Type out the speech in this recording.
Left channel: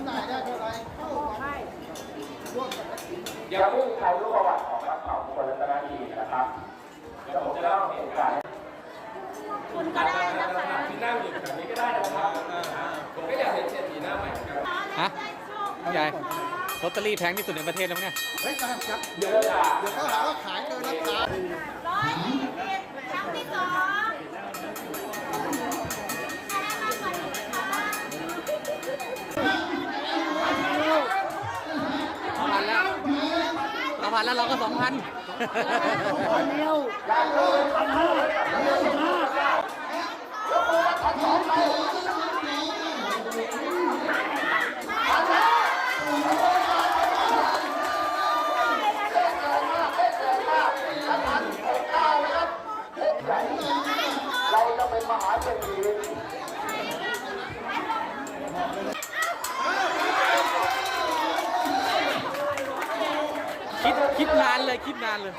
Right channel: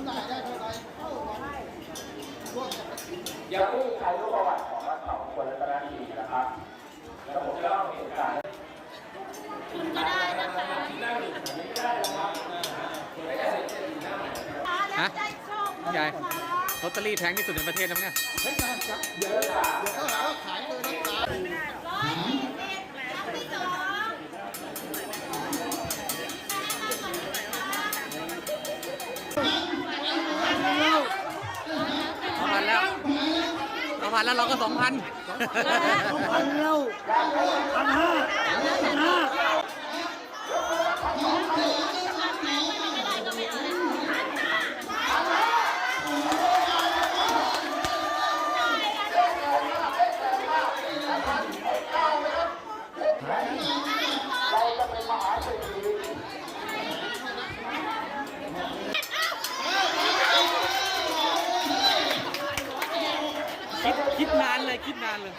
ำหน่ายได้เท่าไหรเข้าวันร่วมกับอย่าเพิ่งใช้รูปประวัติของนักข่าวคนละนาทีนะครับแล้วผมจะเล่าเหตุการณ์คุณก็ได้นะคะที่นั่งอยู่แบบนี้ก็ได้นะครับผมก็ได้เห็นเศรษฐีหน้าใหม่นะครับฮะใหญ่ลอตเตอรี่แพงที่สุดในประเทศแล้วมั้งเนี่ย เฮ้ยครับเดี๋ยว เดี๋ยวเขาหาว่าขายเกินราคา เอาพันแล้วเอาพันแล้วเราก็สองพันคิด คิดนานเลยคิดนานเลย